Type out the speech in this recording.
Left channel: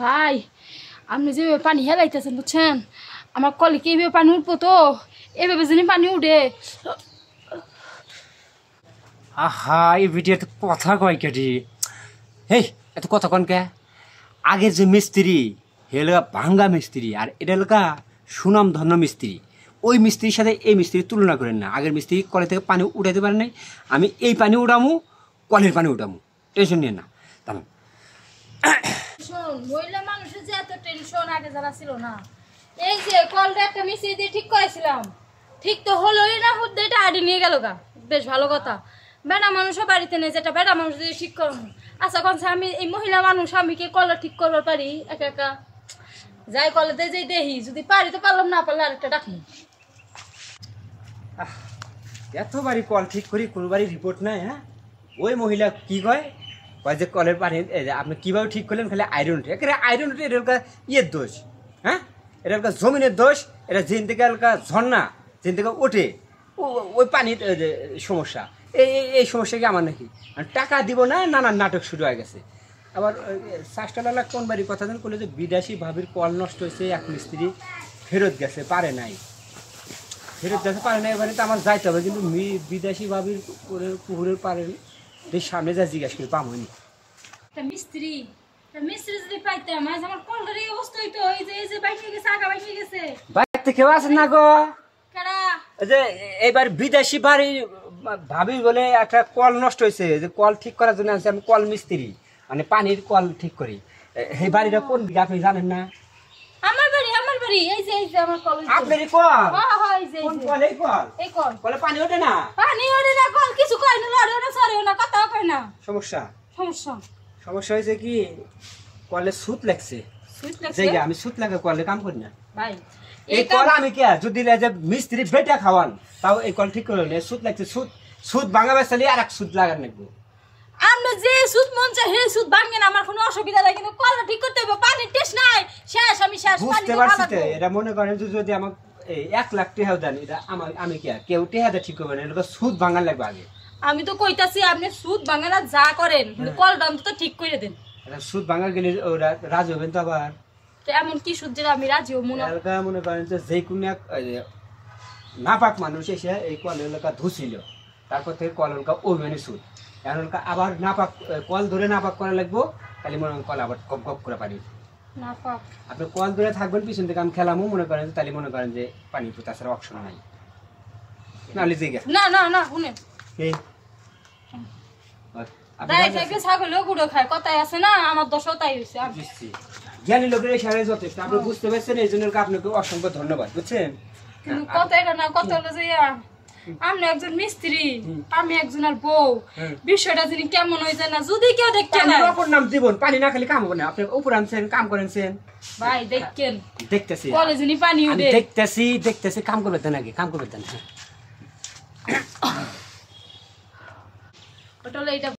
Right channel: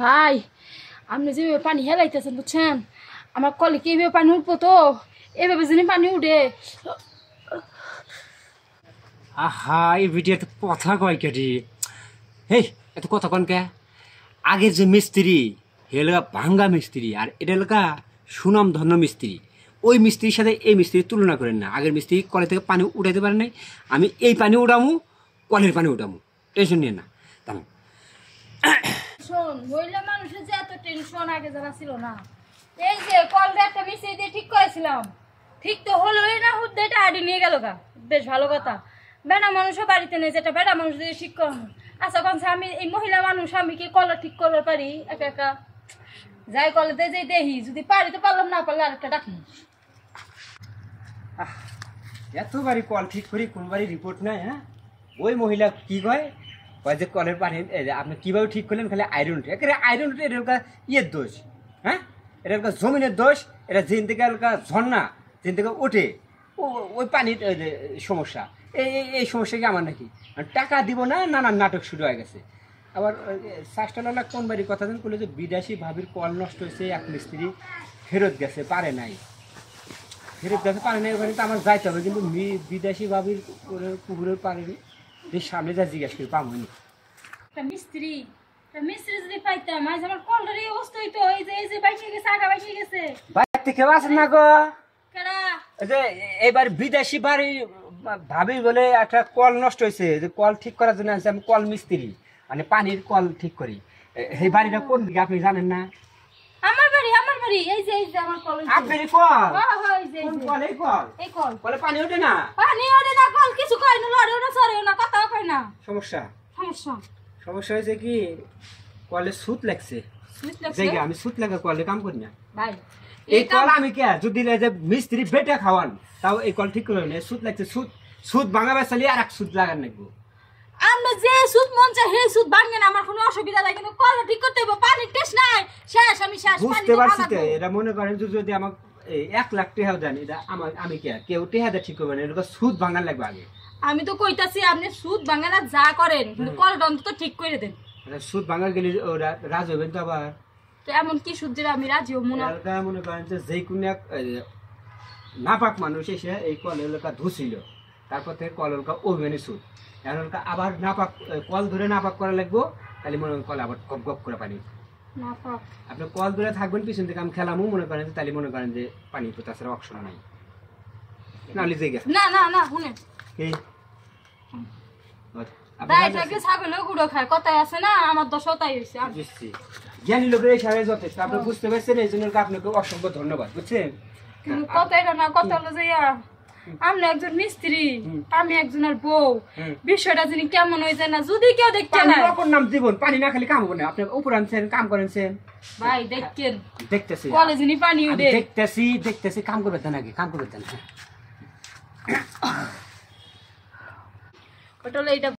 ভাই আপনি যেভাবে পানি হেলাইতেছেন বুঝছেন, আমার কলে কি এইভাবে পানি উঠবো তো, এভাবে যদি পানি উঠে। আহা এই ভিডিওতে কথা কয় কেটি হেই এত কথা কন কে আগের যে মিস্ত্রি হেলকা ভাঙ্গা মিস্ত্রি আর এটা এলাকা সুনাম ধন্য মিস্ত্রি ওই মিস্ত্রির সাথে এই মিস্ত্রির তুলনা করেন না আগের মিস্ত্রি কলে থেকে পানি উঠাইতে পারে নাই আমি এই পানি উঠামু কলের পানি উঠামু টেনশন নিয়ে না তাম শোন মহিলা মানুষের যে এত টেনশন আগে যারা ছিল না, এই যে কলটা একটা মিস্ত্রি দিয়ে ঠিক করেছিলাম, ঠিক তো হলোই না, হুদ্দাইটা আডি নিয়ে গেল গা। বেশ ভালো কথা, বেড়া মানুষও বাড়িতে নেই, যেটা বেড়া মানুষ দিয়ে ঠিক করানো। আচ্ছা কনসা আমি এই মহিলা মানুষ আমি কি কলটা ঠিক করতে পারি একা একা? যাই কলেতে যে দেখি, যদি পারি তো পারলাম, না পারলে আরেকটা ডাকি। এতবারই কল ঠিক করি কোনোবারই রিপোর্ট নাই। হ্যাঁ ওই মহিলা কি কয় কয় যে কলের পানি আপনি কীভাবে ঠিক করলেন খালি আয়রন উঠে একেবারে আয়রন উঠে এটা ইয়ের দোষ। হ্যাঁ এটা জমিনের দোষ, এটা যেন থেকে ঝর্ণা যেন থেকে ওঠে ওই পানির সমস্যা। এই সমস্যা কি আমার নাকি? টাকা দিব না, নানান নাটক শুরু হয়ে গেছে। আবার শাসটালা কোন বাড়ির কথা যেন করলো যে বিদেশি ভাবির কল নষ্ট হয়েছে, এক মিস্ত্রি ফেরত গেছে পারে নাই, ফেরত গেছে পারে নাই। এবারে তো আমার যাইতে হবে, কিন্তু বিদেশি ভাবির পুকুরের পারে সামনে যা জিজ্ঞাসা করি পামনি মিস্ত্রি মিস্ত্রি যদি পাইতাম আমার কলটার এই অবস্থা হইতো। এই যে বাইকে গেছে, আগা বাইকে গেছে। বাইরে কেউ আছেন না গো? কারা? যে এবার বিদেশি বাড়ি ভাবি বলে একটা কল নষ্ট হয়েছে, যে কল ঠিক করার জন্য আছে। আমি কল মিস্ত্রি, মানে পানির কল ঠিক করি। এই বাড়িটা কোন দিকে আপনি জানেন না? আমার বাড়ি এই যে আমার কল। আপনার কল? হ্যাঁ হ্যাঁ এই যে কোন কল? এই কল? এই কল। কলে পানি ওঠে না? পানি ওঠে না, কল কিছু কয় না, লড়েও না, সরেও না, কথাও কয় না। সমস্যা সমস্যা হয়েছে কি কলে সুত লাগছে। সুইচ লাগছে? জায়গা আমি সুত লাগা কলে কাম করি না ভাই এই কল আমি কে যদি যে মিস্ত্রি বেটা খাওয়ান তাও এই কল ঠিক করে সুত লাগছে। সুত ভাঙা বেসালি আর এক সুত লাগার নাকবো। আমরা যে সুদ মন চাই হে সুদ ভাঙে না, আমার কোনো অসুবিধা নাই, কিন্তু কল ঠিক করতে হবে। পানির টেস্ট নাই, শেষ আমি শেষ। পানি বুঝতে পারছি তো। এটা মনে করেন যদি আমাকে 1 লাখ টাকা দেন, এটা আমি কে কেউ টাকা ঠিক করবে না, এটা সুদ ভাঙার লাগবে আগে। আমি তো কইতাছি আপনি সুদ ভাঙে না যা করেন, কিন্তু কলটা অন্তত ঠিক করে দেন। এটা সুদ ভাঙা গেলে ওরা রাজি হবেন তো আবার। তো এমন কি সুদ যেটা আমি রাজি হব না? মনে করেন যে কোনো এক নাপাক মানুষ এসে এই কল এলাকা ধুছিল, তারপর থেকে কল এলাকা ওভেনে সুদ এখন আবার নাপাক কল ধরে নাপাক করা লাগবো, তাহলে মনে করেন কল আবার গপ গপ করে পানি নাপাক। আপনি কল ধরে থাকবেন, পিছন থেকে আমি খেলামও মনে করেন, তাহলে মনে করেন যে পানি তো তাছাড়া অপশন নাই। নাহলে যে গেছে না না না শুনেন, ছাগলেও গুঁড়ো খায়, কথাই আছে না, আমার দশও তাই হয়েছে। জ্ঞানী লোকের এই সারে যথেষ্ট, আপনি বুঝতে পারছেন, এই জন্য আপনাকে অসংখ্য ধন্যবাদ। বুঝছেন? কিন্তু কথা এটা না, কথা হলো যে আপনি একজন মিস্ত্রি, আমি একজনের বউ, বিষয়টা যিনি কেমন হয়ে যায় না, যদি কেউ দেখতে না। অপর নাম জীবন, পানি না খালি কাম হবে না। আপনি উপর আনছেন, কাম করেছেন ভাই, দেখেন দেখতেছি কলে যিনি পানি উঠে দেখতেছি কাম করবে দেন, আগে কাম করবে দেন। ওটা হলো এটা।